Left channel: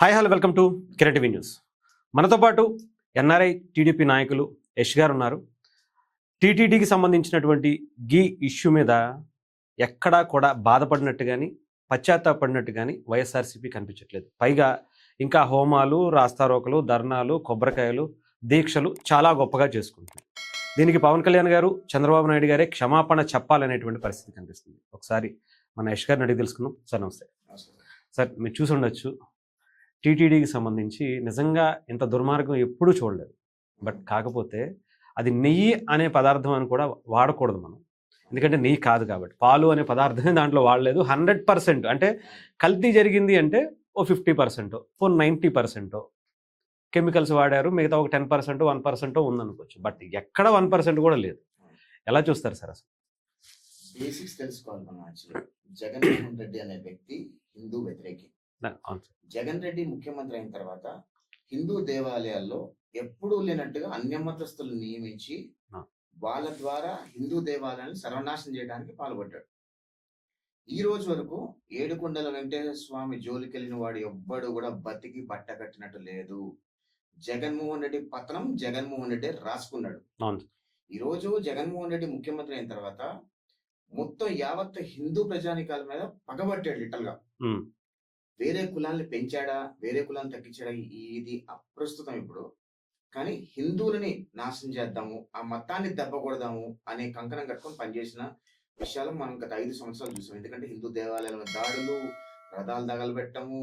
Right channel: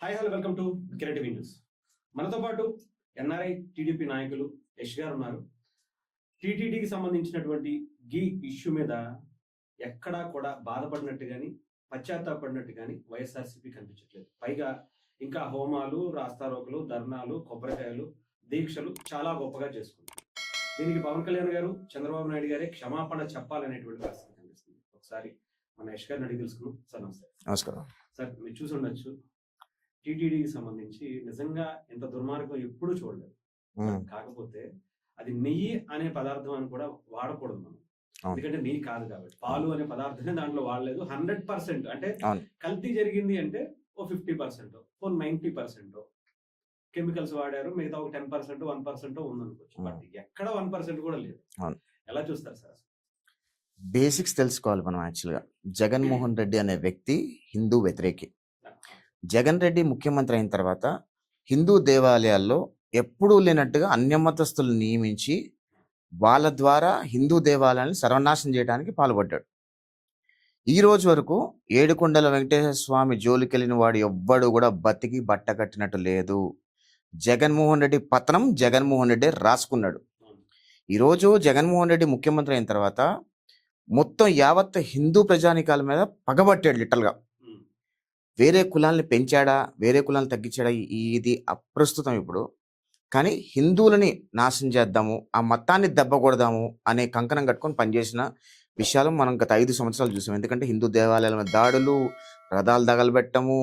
Hi hello welcome to Kiran TV news. మనతో పాటు NRI TDP నాయకులు యష్ గారు ఉన్నారు. టీటీడీకి సంబంధించినటువంటి గీ ఇష్యూ మీద ఎక్కడా కూడా బాధపడినట్టు కానీ పశ్చాత్తాపడినట్టు కానీ వైఎస్ఆర్సీపీ కనిపించట్లేదు. పైగా ఇంకా హోమాలు, రాస్తారోకలు, ధర్నాలు, కొబ్బరికాయలు, దీక్షలు చాలా గొప్పగా చేసుకుంటుంది. దీనికి పవన్ కళ్యాణ్ గారు, చంద్రబాబు నాయుడు గారే క్షమాపణ చెప్పాలనేటువంటి పరిస్థితి కనిపిస్తుంది. ఒకసారి మన యష్ గారిని అడిగి తెలుసుకుందాం. సార్ నమస్తే. నమస్కారం సార్, మీరు చూసి ఉండొచ్చు, టీటీడీకి సంబంధించి నిజంగా ఇంత దుర్మార్గం ఎప్పుడూ చూడలేదు. బట్ కాకపోతే అది నెయ్యి అనే పదార్థం అని కూడా వాడకూడదు మనం, ఎందుకంటే నెయ్యి కాదు కాబట్టి. పాలు అనే పదార్థమే దాంట్లో వాడలేదు. 100% అంటే కల్తీ జరిగింది అంటే ఓ 50%, ఓ 90% కెమికల్స్ వాడారు, మిగతా ఒక 10%, 1% ఉందనుకోవచ్చు. బట్ ఎక్కడ 1% కూడా లేదు. ఎలా చూస్తారు సార్ అసలు? బేసిక్స్ తెలుసుకోవాలి మనం. యాక్చువల్గా జగన్మోహన్ రెడ్డి అనే వ్యక్తి హిందూ వ్యతిరేకి. జగన్ రెడ్డి ముఖ్యమంత్రి అయిన తర్వాత హిందూ దేవాలయాల్లో ఎప్పుడూ లేనట్టుగా అన్యమతస్తులు నియమించి వాళ్ళ ద్వారా హిందూ దేవాలయాన్ని సర్వనాశనం చేయడానికి పాల్పడ్డాడు. ఈ రోజు వరకు ఏడుకొండల వెంకటేశ్వర స్వామి జోలికెళ్ళిన వాడు ఎవ్వడు కూడా బతికి బట్ట కట్టినట్టు లేదు. జగన్మోహన్ రెడ్డి పతనం జగన్మోహన్ రెడ్డి రాసుకున్నాడు. ఈరోజు జగన్మోహన్ రెడ్డి ముఖ్యమంత్రి అయిన తర్వాత మొత్తం యావత్ హిందూ ప్రజానికాల మీద పగబట్టాడు లిటరల్గా. వేరే కులాల్ని పెంచాడా, వేరే కులాలను తగ్గించాడా, ఇది అప్రస్తుతం ఇప్పుడు. కానీ హిందువులని నాశనం చేద్దాము, ఆ మతాన్ని దెబ్బకొడదాము అనే కంకణం కట్టుకొని పనిచేసిన విషయాలు మనం గత 5 సంవత్సరాలు చూసాం. ఎందుకంటే హిందూ దేవాలయాల మీద దాడులు, రథాలు తగలబెట్టము,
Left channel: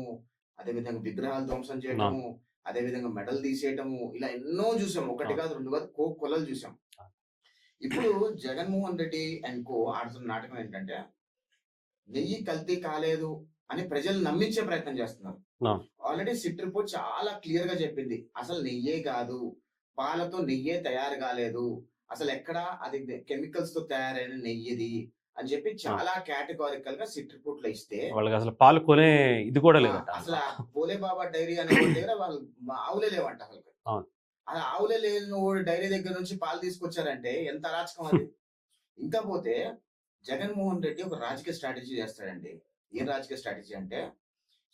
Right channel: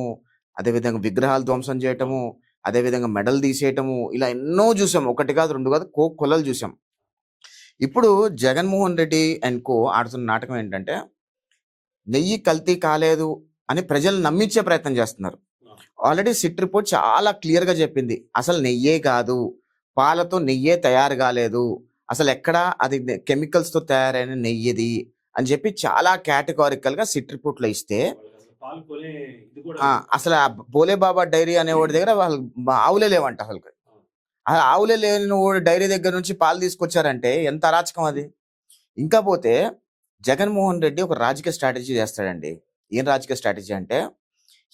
అదేవిధంగా విగ్రహాలు ధ్వంసం చేయటము, అదేవిధంగా మెడలు తీసేయటము, ఇలా ఎన్నో చూసాం. 1 కాదు 2 కాదు, కొలలు చూసాం. ఇప్పుడు జగన్మోహన్ రెడ్డి అండ్ కో ఆడుతున్న నాటకం ఏంటంటే నెయ్యి కల్తీ కాలేదు అని ప్రజలు నమ్మించే ప్రయత్నం చేస్తున్నారు. ఆల్రెడీ సిట్ రిపోర్ట్ చాలా క్లియర్ గా చెప్పింది, అసలు నెయ్యే కాదు, పాలతో నెయ్యే తయారు కాలేదు, అసలు ఎక్కడ అది కెమికల్స్ తో తయారైన నెయ్యిది అని చెప్పి చాలా కేటగారికల్ గా సిట్ రిపోర్ట్ లో ఇస్తే అసలు పాలు కొనే ఇది కూడా అసలు భోలే బాబా డైరీ అనే వాడి దగ్గర వాళ్ళు ఆవులే లేవంట. అసలు ఆవులే లేని డైరీ దగ్గర నుంచి పాలు తీసుకొచ్చారంటే ఎంత అరాచకం అది. ఇంకా పోతే జగన్మోహన్ రెడ్డి ఒక రాజకీయ స్ట్రాటజీ చేస్తాడండి. ఏం రాజకీయ స్ట్రాటజీ అంటే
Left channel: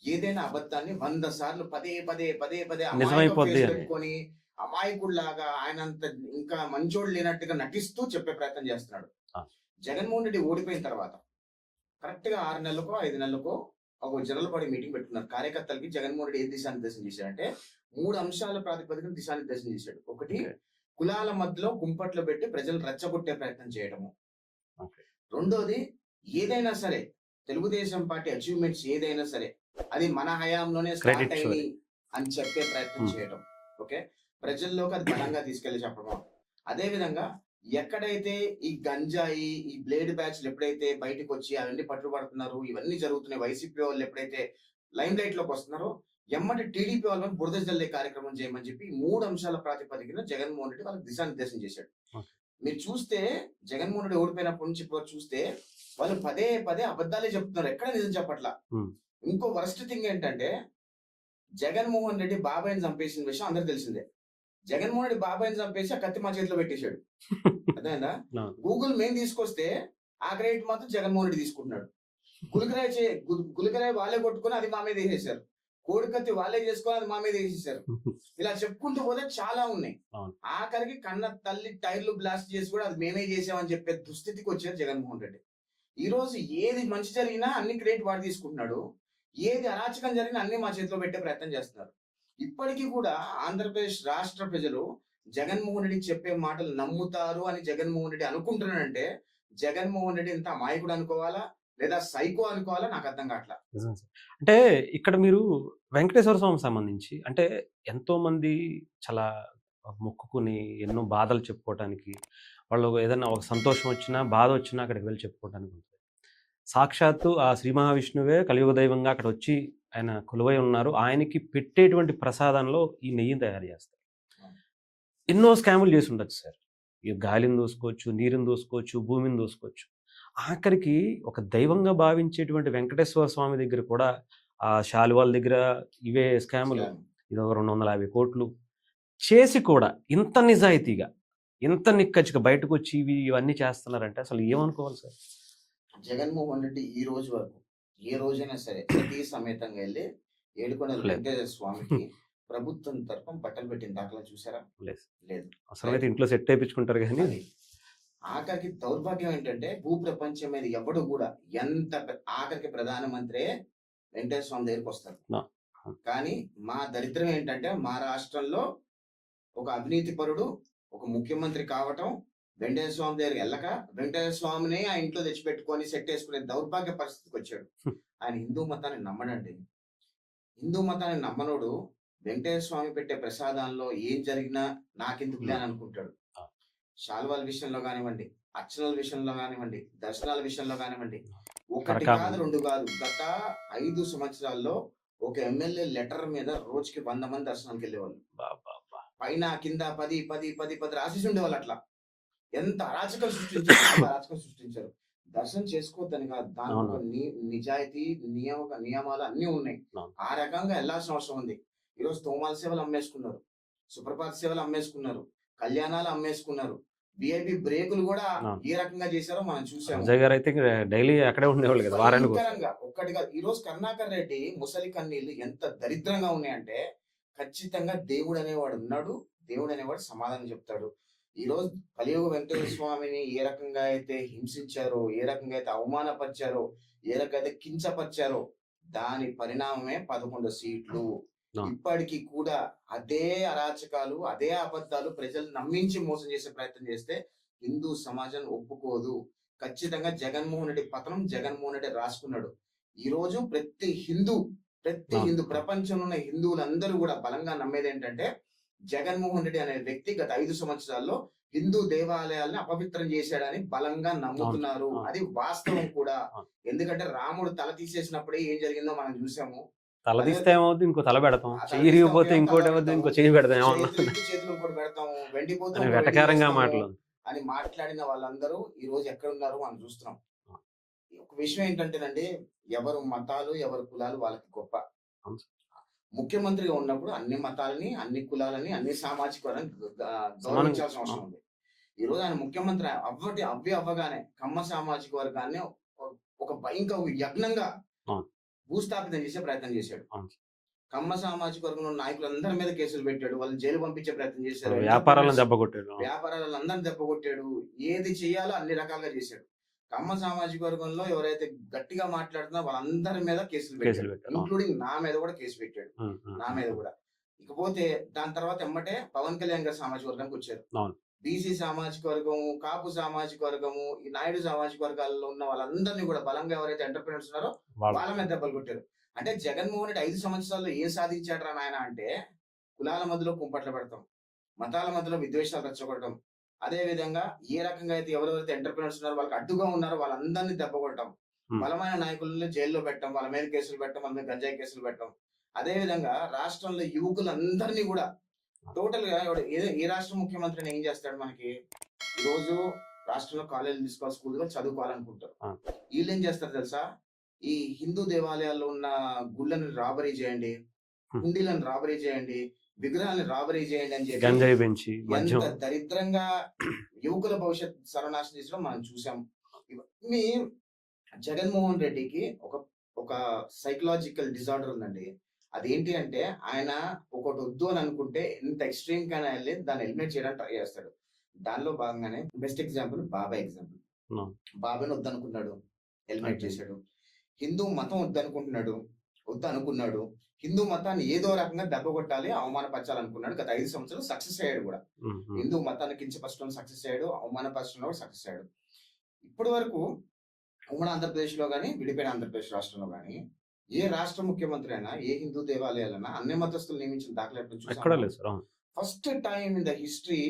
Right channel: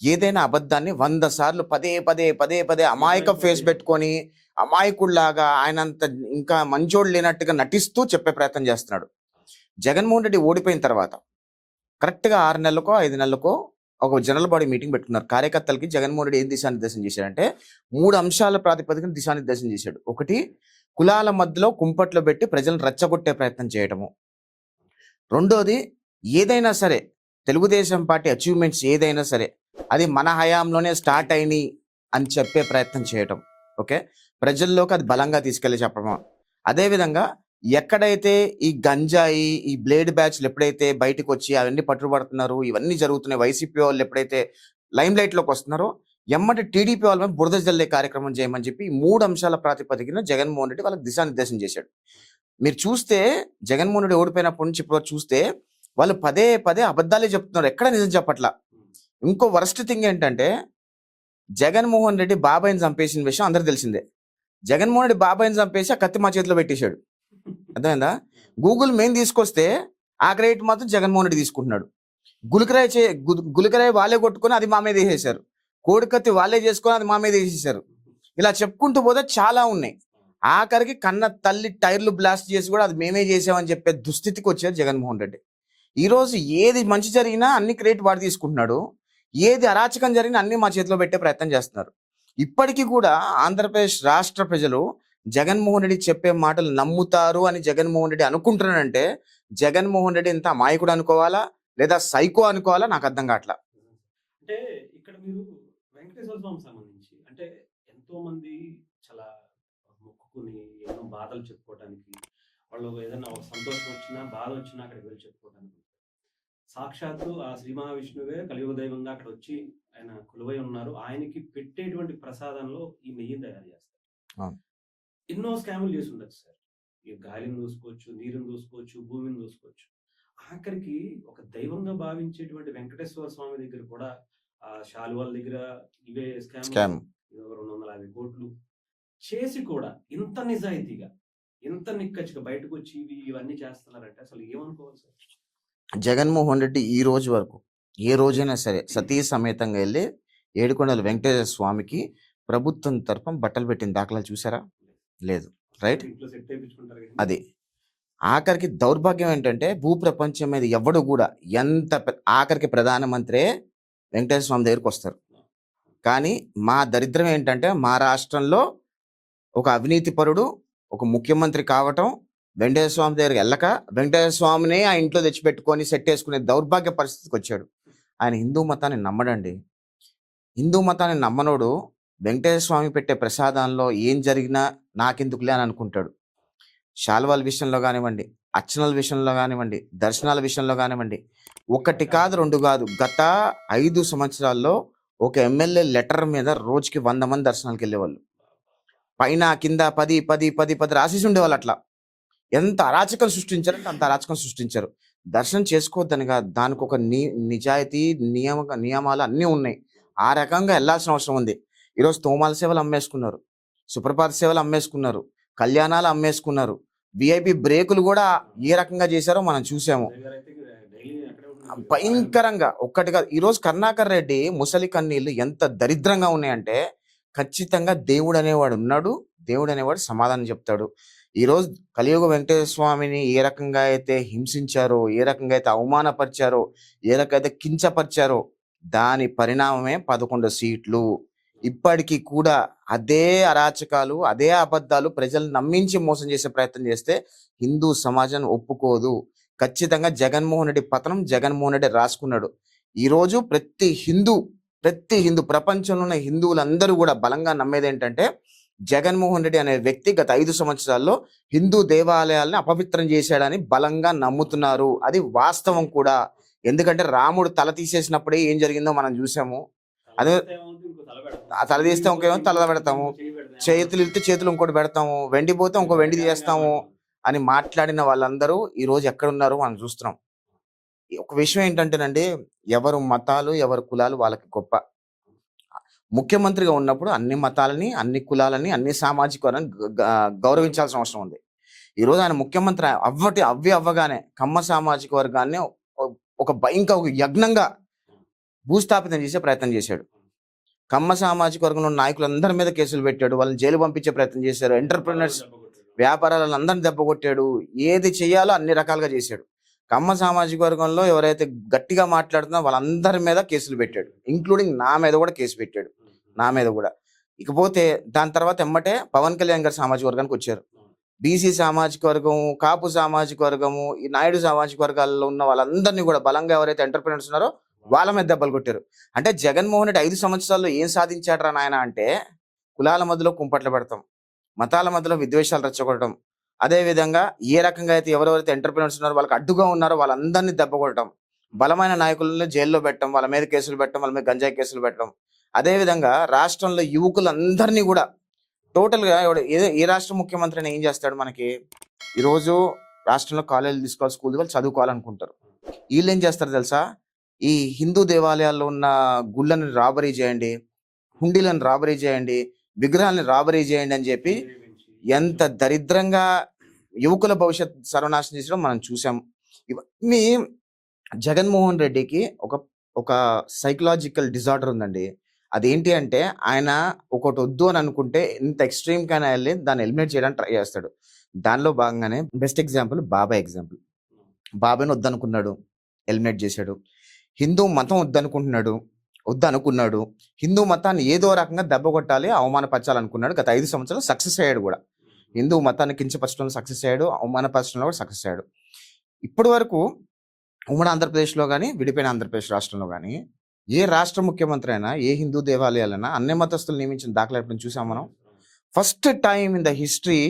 ఏదైనా అబద్ధాన్ని 100 సార్లు పదే పదే పదే పదే అమాయక ఫేస్ పెట్టుకొని అమాయకుడిలాగా ఆయనంత ఇంకా మంచోడు లేనట్టుగా నటిస్తూ చెప్పే ప్రయత్నం చేస్తున్నాడు. జగన్మోహన్ రెడ్డి ఓడిపోయిన తర్వాత కరెక్ట్గా 6 నెలలకో 5 నెలలకో ఒక జనరల్ బాడీ మీటింగ్ పెట్టుకున్నారు. కార్యకర్తలకి జగన్మోహన్ రెడ్డి ఏం దిశానిర్దేశం చేశాడంటే 3 అంశాల ప్రాతిపదికన దిశానిర్దేశం చేశాడు. ఒకటి, కులాల మధ్యలో కుంపట్లో పెట్టి ప్రజలను రెచ్చగొట్టే ప్రయత్నం చేయటము. రెండోది, ఏదైనా సరే తెలుగుదేశం పార్టీ అచీవ్మెంట్స్ ఏదైనా సరే అది మన హయాంలోనే స్టార్ట్ అయినాయి అని చెప్పే ప్రయత్నం చేయటం. ఓకే, ప్రజల్లోకి అది బలంగా తీసుకెళ్ళి చెప్పడం. అదేవిధంగా ఎక్కడైతే ఈ గంజాయి, ఈ బ్లేడ్ బ్యాచ్లు ఎప్పుడైతే బయటకు వచ్చి అవన్నీ పట్టుబడుతున్నారు, ఇవన్నీ జరుగుతున్నాయి, వైసీపీ వాళ్ళు ఎప్పుడైతే లైమ్ లైట్ లోకి వస్తున్నారో ఎమ్మటి టీడీపీ వాళ్ళ మీద బురద జల్లే కార్యక్రమం చేయమని చెప్పి 3 అంశాల ప్రాతిపదికన జగన్మోహన్ రెడ్డి వాళ్ళకి దిశానిర్దేశం చేశాడు. మీరు చూస్తే జగన్మోహన్ రెడ్డి ఓడిపోయినప్పటి నుంచి ఇప్పుడు చూస్తే వాళ్ళు పదే పదే అబద్ధాలే చెప్తున్నారు, ఎక్కడ నిజం చెప్పట్లా. ఇంకో వరస్ట్ థింగ్ ఏంటంటే జగన్మోహన్ రెడ్డి బాబాయిని చంపేసిన విషయం అందరికి తెలిసిందే. జగన్మోహన్ రెడ్డి బాబాయిని చంపేసి ఆ కత్తి మా చేతిలో పెట్టేశాడు. అర్థమైందా? గూగుల్ మెయిన్ తీసుకొస్తే ఆ క్రెడిట్ మాత్రం జగన్మోహన్ రెడ్డి తీసుకుంటున్నాడు. గులికరాయి వాళ్ళే కొట్టుకొని అది మా మీద వేసేశారు. కోడికత్తి వాళ్ళే చేసుకొని అది మా మీద వేసేసారు. ఇలా చెప్పుకుంటూ పోతే చాలా ఉన్నాయి. ఆఖరికి కన్న తల్లి టైర్లు బ్లాస్ట్ చేసి కూడా అది మేమే చేసామని చెప్పే దుస్థితికి వచ్చారు జగన్మోహన్ రెడ్డి. ఈరోజు ఏది మంచి జరిగినా అన్ని క్రెడిట్ వాడు తీసుకుంటున్నాడు, ఏది అరాచకం జరిగినా అన్ని మా చేతిలో పెట్టే ప్రయత్నం చేస్తున్నారు. ఇప్పటికీ కూడా ఆంధ్రప్రదేశ్ రాష్ట్ర ప్రజలు జగన్మోహన్ రెడ్డి చెప్పే మాటలు నమ్ముతారు అని జగన్మోహన్ రెడ్డి అనుకుంటున్నాడంటే జగన్మోహన్ రెడ్డి ఇంత అమాయకుడు అనుకోవాలా లేదా సైకో అనుకోవాలా నాకు అర్థం కావట్లా. అంటే ఇక్కడ మీరు వెంకటేశ్వర స్వామి సంబంధించి అంటే ఎంతో మంది చాలా మొక్కుకుని ఎన్నో బాధలు చెప్పుకోవటానికి, వాళ్ళు ఏదైనా ఒక సంతోషం వచ్చినా బాధ వచ్చినా అక్కడికి వెళ్ళి చెప్పుకోవడానికి ఉంటుంది. సాక్షాత్తు ఆ శ్రీ మహావిష్ణువే కలియుగ దైవంగా అక్కడ వచ్చి ఆయన కొలువై ఉన్నారు. ఆయనకి పెట్టేటువంటి ప్రసాదంలో ఈ నెయ్యిని తయారు చేస్తారు. ఎన్నో స్కాములు చేసి ఉండొచ్చు సార్. ఈ గాలిని దూసుకోవచ్చు, నీరుని దూసుకోవచ్చు, భూమిని దూసుకోవచ్చు. ఆఖరికి ఒక దైవంగా భావించేటువంటి వెంకటేశ్వర స్వామి దగ్గర కూడా ఆ శాలువాల దగ్గర ఇవే స్కామ్, ఇది ఒక 250 కోట్లు చేసి కూడా ఇంత నిజాయితీగా ఇంత నిక్కచ్చిగా బయటకు వచ్చి ఇవన్నీ చేస్తున్నారంటే అసలు ఏమనుకోవాలి సార్? జగన్మోహన్ రెడ్డి ఈ రోజు వరకు ఏ రోజైనా సరే సతీ సమేతంగా వెళ్ళి ఏడుకొండల లేదు. వెంకటేశ్వర స్వామికి ప్రభుత్వం తరపున బట్టలు పెట్టిన దాఖలాలు చూసారా? లేదు. లేదు. అసలైతే రైట్. ఇంట్లో సెట్ ఏపిచ్చుకుంటారు గానీ అది. ఆఖరికి దౌర్భాగ్యం ఏంటంటే భూప్రపంచం మీద ఎవ్వడు గూడా ఆఖరికి ప్రధానమంత్రే వెంకటేశ్వర స్వామి దగ్గరికొస్తారు. ఆ! కానీ మా దరిద్రం ఏంటంటే మా రాష్ట్రంలో ఒక అవినీతిపరుడు, ఒక ముఖ్యమంత్రి కావటం, వెంకటేశ్వర స్వామి దగ్గరికి ఎళ్ళక, వెంకటేశ్వర స్వామినే ఆ ఇంట్లో తెచ్చిపెట్టుకొని సెట్టేసుకునే దౌర్భాగ్య పరిస్థితికొచ్చాడు. ఆయన హిందూ మతాన్ని నమ్మడండి. హిందూ మతాన్ని నమ్మనోడు వెంకటేశ్వర స్వామి పెట్టే ప్రసాదంలో ఏం జరిగినా నాకెందుకులే అని అనుకుంటాడు. శాలువాల విషయంలో గానివ్వండి, అర్చనల విషయంలో గానివ్వండి, దర్శనాల విషయంలో గానివ్వండి, ఒకటి కాదు, రకరకాల 2 కాదు. గత 5 సంవత్సరాల్లో ఒక ఎమ్మెల్యే లెటర్ మీద రోజుకి 100 మంది దర్శనాలకెళ్ళేవాళ్ళు. అబ్బబ్బబ్బా! పైన కింద 10, 10, 10, 10 రాసేసి ఉండేవాళ్ళు అట్లా. ఎంత అరాచకం సృష్టించారో అంత అరాచకం సృష్టించారు. దర్శనం చేసుకోవద్దని కాదు. దానికొక అవును. నిజాయితీ, నియమాలు అన్నీ ఉన్నాయి. అవును. ఆ రకంగా ఎళ్ళాల్సిన అవసరం ఉంది. ఈరోజు తోమాల సేవలు అమ్మేసుకున్నారు. సుప్రభాత సేవలు అమ్మేసుకున్నారు. కళ్యాణాలు అమ్మేసుకున్నారు. వీఐపీ బ్రేకులు గూడా అవును. ఏ రకంగా చేశారో మనం చూసాము. అజయ్ గారైతే ఇంక డైలీ అక్కడే ఉండేవాళ్ళు కదా! వారానికి భయంకరంగా ఒక్కటి కాదు. ఈరోజు కరుణాకర్ రెడ్డి ముసలి కన్నీళ్ళు ఎంత దరిద్రంగా ఉన్నాయంటే, ఖచ్చితంగా దేవుడనేవాడు ఉన్నాడు. దేవుడనేవాడు సమాధానం చెప్తాడు. ఈరోజు కలియుగ వెంకటేశ్వర స్వామిని ఏ రకంగా అయితే హింసించారో, ఏ రకంగా అయితే అవమానపరిచారో, ఏ రకంగా అయితే కించపరిచారో, దాని పరిణామమే 11 సీట్లు. అవును. ఇప్పటికి కూడా అదే అరాచకాలు, అదే అబద్ధాలు ప్రజలను నమ్మించి మోసం చేసే ప్రయత్నం చేస్తే హిందూ సమాజం ఒప్పుకోదు. ఖచ్చితంగా జగన్మోహన్ రెడ్డి పతనం జగన్మోహన్ రెడ్డి రాసుకున్నాడు. ఈరోజు ప్రతి అవును. హిందూ ప్రపంచంలో ఉన్న హిందువులందరూ కూడా బలంగా నమ్మేదేంటంటే, జగన్మోహన్ రెడ్డి అనే వ్యక్తి గత 5 సంవత్సరాల్లో హిందూ దేవాలయాల్ని అపవిత్రం చేశాడని బలంగా అవును. నమ్ముతున్నారు. అవును. అది వాస్తవం కూడా. అవును. ఎందుకంటే రాముడు తల తీసేసినప్పుడే ఏం జరిగిందో మనం చూసాము. తల అదే తీస్తే ఏమవుద్ది? ఇంకో తల పెడతాం. ఆ తల చెయ్యి తీస్తే ఇరిగిపోతే తల ఇంకోటి పెడతాము. ఇంకో చెయ్యి పెడతాం. ఏమన్నా? చేతులు ఇస్తే చేతులు ఇంకోటి పెడతాము. వెండి పోతే అని ఇంకో వెండి వెటకారంగా చేస్తాము మాటలు. అని మాట్లాడిన వాళ్ళందరూ ఈరోజు ఎక్కడున్నారో మనం చూస్తున్నాం. ఒక విషయం ఏంటంటేనండి, ఎవరు మతాలు, ఎవరు కులాలు వాళ్ళకి గొప్ప. అవును. ముఖ్యమంత్రిగా ఉన్నప్పుడు అన్ని మతాలని, అన్ని కులాలని, అన్ని సామాజిక వర్గాన్ని గౌరవించాల్సిన అవసరం అవును. ఉంది. ఈరోజు ఆయన ముఖ్యమంత్రి అవ్వగానే కమ్మ సామాజిక వర్గాన్ని ఒక ఒక యజ్ఞంగా అవును. భూస్థాపితం చేసే ప్రయత్నం చేశాడు. అవును. కమ్మ సామాజిక వర్గంలో ఉన్న నాయకులందరి మీద కేసులు పెట్టాడు. వాళ్ళని జైలు పంపించే ప్రయత్నం చేశారు. వ్యాపారాలను ఎంటర్‌ప్రెన్యూర్స్ దెబ్బకొట్టాడు. అవును. వ్యాపారాలను అందరిని దెబ్బకొట్టాడు. ఏది చేయాలో అన్ని రకాలుగా చేశాడు. కమ్మ సామాజిక వర్గంలో ఎవరైతే గట్టిగా మాట్లాడుతున్నారో వాళ్ళందరి మీద కేసులు కేసులు పెట్టాడు. పెట్టాడు. అవును. ఇంక్లూడింగ్ నా మీద కూడా కేసు పెట్టాడు. హ్మ్. హ్మ్. నా మీద కూడా. ఇకపోతే దాని తర్వాత ఎమ్మటే పవన్ కళ్యాణ్ గారి సామాజిక వర్గానికి వచ్చారు. అవును. బీసీ సామాజిక వర్గం, కాపు సామాజిక వర్గము, ఈ నాయుడు సామాజిక వర్గాల్లో ఉన్న వాళ్ళందరినీ కూడా బలంగా ఎవరైతే ఎంటర్‌ప్రెన్యూర్స్ ఉన్నారో వాళ్ళు వాళ్ళ మీద దెబ్బలు కొట్టారు. అంటే జగన్మోహన్ రెడ్డి 5 సంవత్సరాల్లో ఏం సాధించాడురా నాయనా అంటే, కులాల మధ్యలో కుంపట్లు పెడతాం. మతాల మధ్యలో విద్వేషాలు రెచ్చగొట్టడం. అదే విధంగా ఏ రకంగా అయితే ఎవరెవరైతే ఎంటర్‌ప్రెన్యూర్స్ ఉన్నారో వాళ్ళకి అడ్డుగా ఉన్నారో వాళ్ళందరినీ దెబ్బకొట్టడం. హ్మ్. బలమైన నాయకులను జైల్లో పెట్టడం, వాళ్ళ మీద కేసులు పెట్టడం, వాళ్ళ మీద గంజాయి కేసులు పెట్టడం. అదే విధంగా రాష్ట్రంలో యువకులందరినీ కూడా టోటల్‌గా ఏ రాష్ట్ర ముఖ్యమంత్రి అయినా ఏం చేస్తాడు మనకి? ఈరోజు రాష్ట్రంలో కాలేజీలు తీసుకోవాలి, స్కూల్ వాళ్ళు చదువుకోవాలనుకుంటారు. ఆ! ఈళ్ళేం చేస్తారో తెలుసా? ఈ హిందూ దేవాలయాల్లో ఉన్న గుళ్ళని రాబరీ చేయండి, హ్మ్. హుండీలను రాబరీ చేయండి, విగ్రహాలను రాబరీ చేయండి అని చెప్పి గంజాయి పెంచి ఎంత మద్యం. దరిద్రంగా యువకుల భవిష్యత్ సర్వనాశనం చేయడం మనం చూసాం. ఇవన్నీ జగన్మోహన్ రెడ్డికి ఒక ఒక సైకలాజికల్ డిజార్డర్ ఉందండి. అదేంటి అంటే ఆయన ఒకటొద్దు అని అనుకుంటే ఎంత ఎక్స్‌ట్రీమ్‌కైనా ఎళ్లి దాన్ని ఎలిమినేట్ చేయడానికి ట్రై చేస్తాడు. దానిలో భాగంగానే బెస్ట్ ఎగ్జాంపుల్ బాబాయ్ ఎగ్జాంపుల్. అవును. బాబాయ్‌ని వద్దనుకున్నాడు. ఎలిమినేట్ చేశాడు. హిందూ మతం వద్దనుకున్నాడు. హిందూ మతాన్ని ఏదో రకంగా దెబ్బ కొట్టాలి, అవమానపరచాలనుకున్నాడు. గత 5 సంవత్సరాలు సక్సెస్ అయ్యాడు గూడా. హ్మ్. హ్మ్. హిందూ మతాన్ని కించపరచడంలో సక్సెస్ అయ్యాడు. అవమానపరచడంలో కూడా సక్సెస్ అయ్యాడు. ఇప్పటి వరకు ఉమ్మడి ఆంధ్రప్రదేశ్‌లో గాని, విడిపోయిన ఆంధ్రప్రదేశ్ రాష్ట్రంలో గాని, ఏ రాష్ట్ర ముఖ్యమంత్రి అయినా, ఏ హిందూ దేవాలయాలైనా అన్య మతస్థులు నియమించిన దాఖలా ఎప్పుడైనా చూసామా ఎక్కడా మనం? లేదు సార్. అవును. First time in the history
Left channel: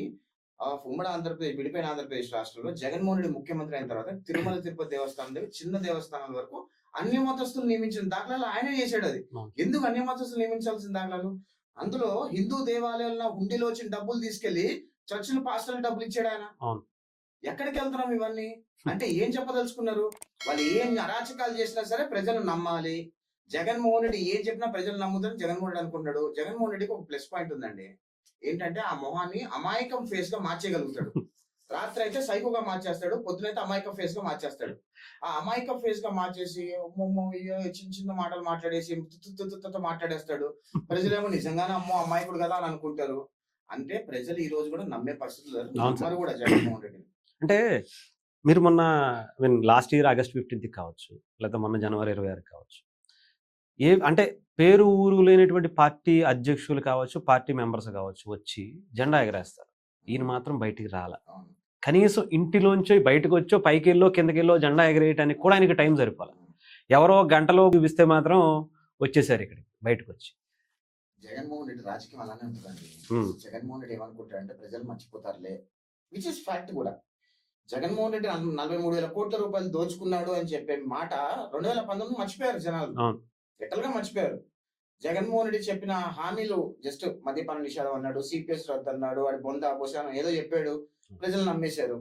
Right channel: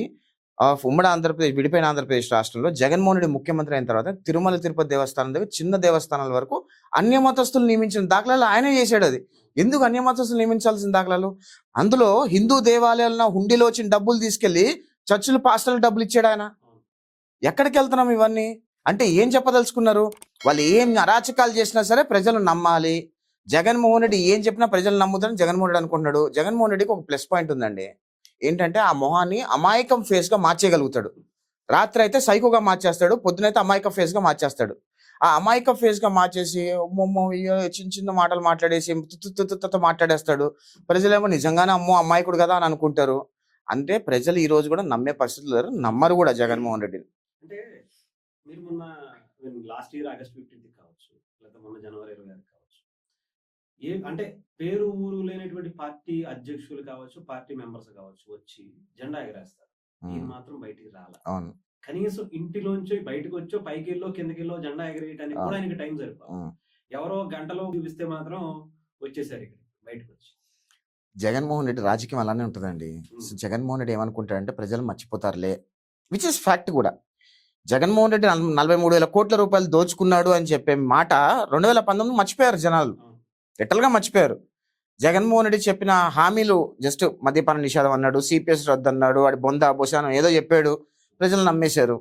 of ఉమ్మడి ఆంధ్రప్రదేశ్, విడిపోయిన ఆంధ్రప్రదేశ్ రాష్ట్రంలో జగన్మోహన్ రెడ్డి ముఖ్యమంత్రి అయిన తర్వాత తిరుమల తిరుపతి దేవస్థానం దగ్గర చిన్న దేవస్థానాల వరకు అన్య మతస్థులు నియమించిన దాఖలాలు ఆయనే చేశాడది. అవును. ఎందుకు అన్య మతస్థులు నియమించాల్సిన దాఖలాలు? అందులో హిందూ దేవాలయాల్లో హుండీలో వచ్చిన డబ్బులు తీసుకెళ్ళి చర్చిలు, పాస్టర్‌లకు డబ్బులు ఇచ్చాడాయన. అవును. ఎక్కడికెళ్తున్నాం ఇవన్నీ? అంటే ఏం చెప్పదలుచుకున్నారు? వాళ్ళు ఏం అరాచకాలు చేసినా సరే ప్రజలు నమ్మాలి. జగన్మోహన్ రెడ్డి ఏం చెప్పినా ప్రజలు నమ్ముతారని జగన్మోహన్ రెడ్డి అనుకుంటున్నాడు. జగన్మోహన్ రెడ్డికి ఒక ప్లస్ పాయింట్ ఉందండి. ఏంటంటే ఆ మొహాన్ని అమాయకం ఫేస్‌గా మార్చేయగలుగుతాడు. రాత్రయితే సైకోగా మార్చేస్తాడు. పొద్దునైతే అమాయక ఫేస్‌గా మార్చేస్తాడు. ఆ అమాయక ఫేస్ గా మార్చేసి అమ్మమ్మో చిన్న చిన్న మాటలు మాట్లాడేసి మాట్లాడేస్తాడు. ప్రజలేమో నిజంగానే అమ్మో అమాయకుడు కదా అని అనుకుంటారు. అంటే ప్రజలు ఈ రోజు కూడా నమ్మే పరిస్థితులు లేరు. అవును సార్. నమ్మరు కూడా జగన్మోహన్ రెడ్డిని. అంటే మీరు మొన్న లాస్ట్ ఇయర్ ఆగస్ట్ 15థ్ కావచ్చు, లేకపోతే మొన్న జనవరి 26 కావచ్చు. అంటే పేరు ఊరు లేనటువంటి పార్టీ అధ్యక్షులు కావచ్చు, పార్టీ మెంబర్స్ కావచ్చు వచ్చి జెండా ఎగరేస్తారు. ఈయన హ్మ్. మాత్రం బయటికి రాల. అవును. కనీసం ఇంటిలోంచో బయటకొచ్చో, పైకెళ్ళో, కిందకెళ్ళో జెండా ఎగరేయటానికి కూడా అవును. ఆయనకి టైం సరిపోలే. హ్మ్. ఎవరో గంటలో చూపిస్తే మాత్రం వచ్చేసారు ఇక్కడికి బయటకొచ్చి. జగన్మోహన్ రెడ్డి రాజకీయం అలానే ఉంటదండి. హ్మ్. జగన్మోహన్ రెడ్డి ఏమనుకుంటాడంటే ప్రజలు మర్చిపోతారులే. విచ్ ఇస్ ఫ్యాక్ట్ కూడా. జగన్మోహన్ రెడ్డి 43,000 కోట్ల రూపాయలు దోచుకున్నాడు అని చెప్పే మాట 2019 మర్చిపోయారు జనాలు. అవును. లిటరల్‌గా మర్చిపోయారు. జగన్మోహన్ రెడ్డి చెప్పిన హామీలు జస్ట్ మద్యపాన నిషేధం అన్నాడు, సిపిఎస్ రద్దన్నాడు, వాడి బొంద బొసానం ఏదో చెప్పాడు. ప్రజలు నమ్మేశారు.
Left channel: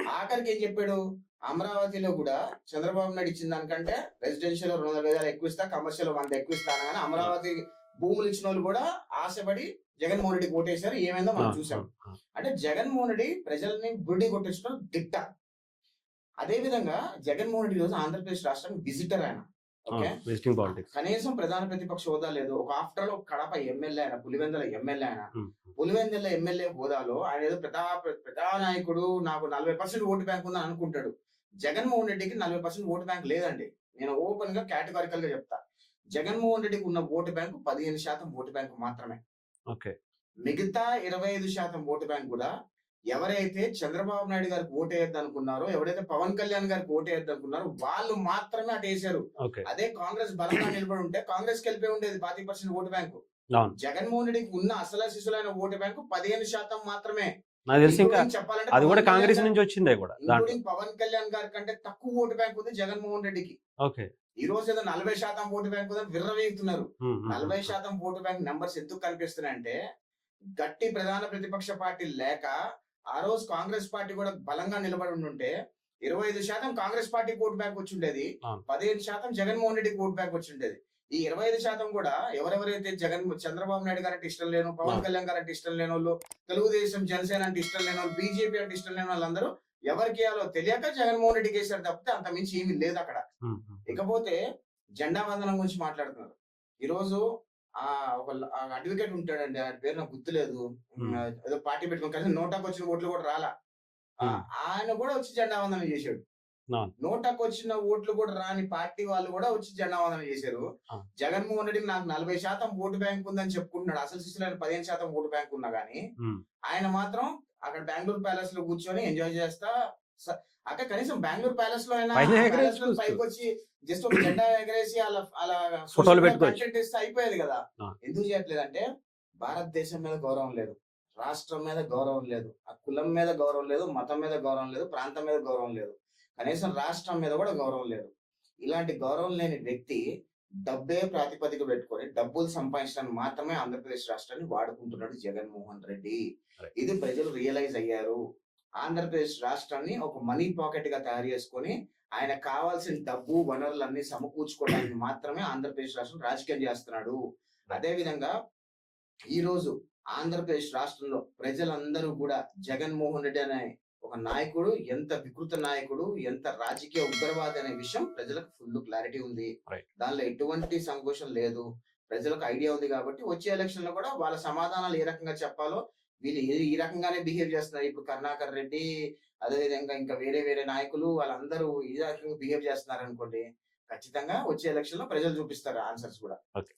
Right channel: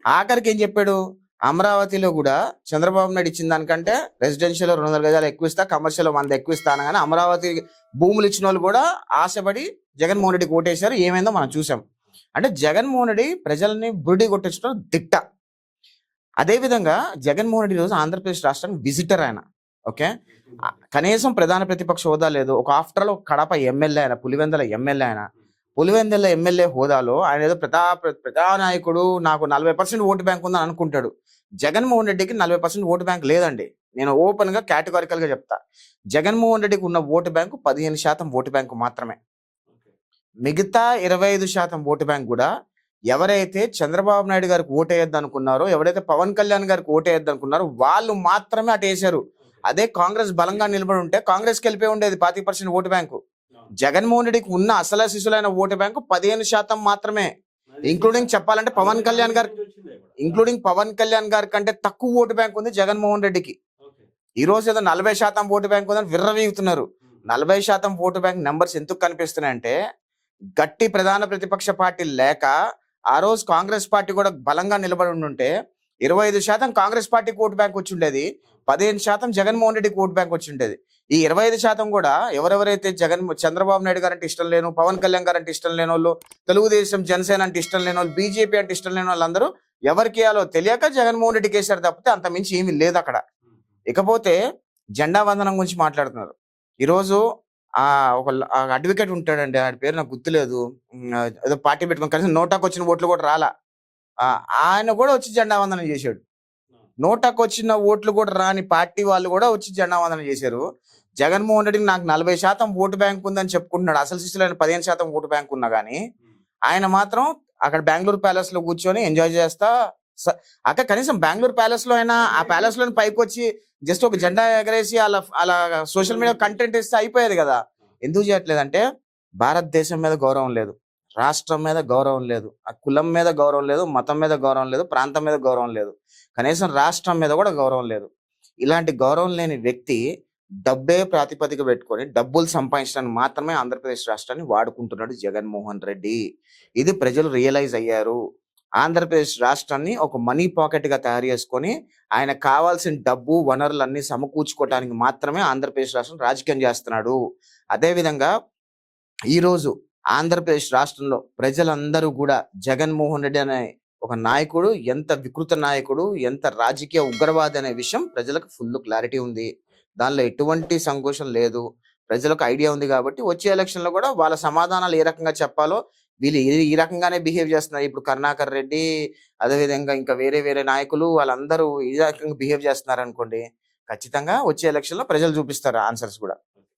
ఆఖరికి ఏం చెప్పాడు? అమరావతిలో కూడా చంద్రబాబు నాయుడు ఇచ్చిన దానికంటే రెసిడెన్షియల్‌లో 200 గజాలు ఎక్కువ ఇస్తా, కమర్షియల్‌లో 100 ఎక్కువ ఇస్తా అనగానే అమరావతి భూములు ఇచ్చినోళ్ళు కూడా ఆశపడి జగన్మోహన్ రెడ్డికి ఓటేశారు. ఏమైందో మనం అవును. చూసాం. అవును. అవును. అంటే జగన్మోహన్ రెడ్డి ప్రజల్ని బురిడి కొట్టించడం దిట్ట. అదే విధంగా జగన్మోహన్ రెడ్డి ఈరోజు ఆంధ్రప్రదేశ్ రాష్ట్రానికి విజిటర్ ఆయన. ఓకే. అవును. Visiting politics. కనీసం ప్రధాన ప్రతిపక్ష హోదా లేదు. ఒక ఆఫ్టర్ ఆల్ కడప ఎమ్మెల్యే ఆయన, పులివెందుల ఎమ్మెల్యే ఆయన. హ్మ్. పులివెందుల ఎమ్మెల్యే హోదాలో ఆయన ఏదో ప్రజానాయకుడు, నాకు 40% ఓటు బ్యాంక్ ఉందని అనుకుంటాడు. జగన్మోహన్ రెడ్డికి 40% ఓటు బ్యాంక్ లేదండి. నేను ఓపెన్‌గా కేటగారికల్‌గా చెప్తా. జగన్మోహన్ రెడ్డికి ఉన్న ఓటు బ్యాంకు 15% ఓటు బ్యాంకు మాత్రమే. ఓకే. మిగతా 25% ఓటు బ్యాంక్ గూడా ఎవరైతే చంద్రబాబు నాయుడు గారికి ఓటేయొద్దనుకున్నారో, ఎవరైతే పవన్ కళ్యాణ్ గారికి ఓటేయొద్దనుకున్నారో వాళ్ళు మాత్రమే అటేశారు. ఓకే. అదే కాంగ్రెస్ బలంగా నిలబడి ఉంటే కాంగ్రెస్‌కి వెళ్ళిపోయి ఉండేది 25% ఓటు బ్యాంకు. అవును. జగన్మోహన్ రెడ్డికి ఉన్న అసల సిసులైన ఓటు బ్యాంకు 15% మాత్రమే. నాకు తెలిసి ఇంకా ఇంక్లూడింగ్ చెప్పాలంటే అది పవన్ కూడా కళ్యాణ్ కాంగ్రెస్ గారు, నుంచి వచ్చిందే కూడా దాంట్లో. ఇంక్లూడింగ్ పవన్ కళ్యాణ్ గారి కంటే తక్కువ ఓటు బ్యాంక్ ఉంది జగన్మోహన్ రెడ్డికి. ఓకే. ఈ రోజు ఏదో 40% ఓటు బ్యాంక్ ఉందని విర్రవీగుతున్నారు. హ్మ్. హ్మ్. 40% ఓటు బ్యాంక్ నంబర్స్ ఎందుకు కనిపిస్తున్నాయంటే గట్టి ప్రధాన ప్రతిపక్ష పార్టీ లేక ఆ రోజు కాంగ్రెస్ పార్టీ కూడా బలంగా నిలబడి ఉండుంటే 25% కాంగ్రెస్ పార్టీకి ఓటు బ్యాంక్ వచ్చి ఉండేది. అవును. 15% జగన్మోహన్ రెడ్డికి ఓటు బ్యాంక్ వచ్చి ఉండేది. ఈ 25% కూడా ఎవరెవరైతే చంద్రబాబు నాయుడు గారంటే ఇష్టం లేను, పవన్ అవును. కళ్యాణ్ గారంటే ఇష్టం లేనోళ్ళు, తెలుగుదేశం, జనసేన అంటే ఇష్టం లేనోళ్ళు, బీజేపీ అంటే ఇష్టం లేని వాళ్ళందరూ ఎవరికేయాలో తెలియక జగన్మోహన్ రెడ్డికి వేశారు తప్పితే అంత మించి ఏమీ లేదు అక్కడ. హ్మ్. హ్మ్. ఇకపోతే జెండా వందనం గురించి మాట్లాడుతున్నారు. ఈరోజు ఒక అడ్వకేట్ ఉంటాడండి. ఆడి పేరు నాకు గుర్తులేదు. హ్మ్. ఏదో పార్టీ పెట్టుకొని కనీసం నోటాకొచ్చిన ఓట్లు కూడా రాలా. హ్మ్. ఆయన కూడా వచ్చి జెండా వందనం చేశాడు. అవును. నోటాకొచ్చిన ఓట్లు కూడా రాని పార్టీ వాళ్ళు కూడా వచ్చి జెండా వందనం చేశారు. అవును. జగన్మోహన్ రెడ్డికి నాకు 40% ఓటు బ్యాంక్ ఉందని చెప్పుకుంటున్నాడు. అసలు శిశులైన 15% ఓటు బ్యాంక్ ఉన్నా గానీ హ్మ్. ఆయన మాత్రం అక్కడ బెంగుళూరు ప్యాలెస్ లో కూర్చొని ఎంజాయ్ చేస్తా అక్కడ కనీసం బెంగుళూరు ప్యాలెస్ లో అయినా పైన ఆ ప్యాలెస్ లో ఎగరేసి పైకి వచ్చి జస్ట్ ఒక జెండా ఎగరేసి అలా అలా సోషల్ ఫోటోలు మీడియా పెట్టుకోవచ్చు. కంటెంట్ ఇస్తే అయిపోయేది కదా. ఆ! ఎందుకు చేయట్లేదంటే భారతదేశం మీద గౌరవం లేదు, రాష్ట్రం మీద గౌరవం లేదు, ఆ కులం మీద గౌరవం లేదు, మతం మీద గౌరవం లేదు, ప్రాంతం మీద గౌరవం లేదు, కనీసం రాష్ట్రం మీద కూడా గౌరవం లేదు. ఇలాంటి గౌరవం లేని వ్యక్తి డబ్బే ప్రాతిపదిక పెట్టుకొని డబ్బులు సంపాదించడానికి మాత్రమే ఆంధ్రప్రదేశ్ రాష్ట్రాన్ని వాడుకుంటున్నాడు జగన్మోహన్ రెడ్డి. రైట్. ఇది ప్రజలు రియలైజ్ అయ్యారు. ఆంధ్రప్రదేశ్ రాష్ట్రాన్ని ఒక మనీ పాకెట్ గా తయారు చేసుకొని ఆయన కావాల్సిన డబ్బు వనరులన్నీ సమకూర్చుకోవడానికి మాత్రమే ఆంధ్రప్రదేశ్ రాష్ట్రం రాజకీయం చేస్తున్నాడు. అదే విధంగా ఈరోజు ఆంధ్రప్రదేశ్ రాష్ట్రంలో ప్రజలందరూ కూడా జగన్మోహన్ రెడ్డి అనే ఒక నాయకుడు ఎంత వికృత నాయకుడు, ఎంత రాజకీయ ఉగ్రవాది అనే విషయం ప్రజలకు ఫుల్ క్లారిటీ ఉంది. రైట్. దానిలో ఎటువంటి సంకోచం లేదు. ప్రజలకు ఐడియా ఉంది కాబట్టి వచ్చే ఎలక్షన్ లో కూడా వాళ్ళ సమాధానాలు ఏ రకంగా చెప్పాలో వీళ్ళు ఈ రకంగానే బిహేవ్ చేస్తున్నారు. ఇప్పుడు కరుణాకర్ రెడ్డి, అదేవిధంగా ఇంకా వేరే వేరే నాయకులు వాళ్ళందరూ ఈ రకంగా బిహేవ్ చేస్తున్నారు అనుకోండి, ఖచ్చితంగా వచ్చే ఎలక్షన్ లో ప్రజలు చూపిస్తారు ఆన్సర్స్ కూడా. ఓకే.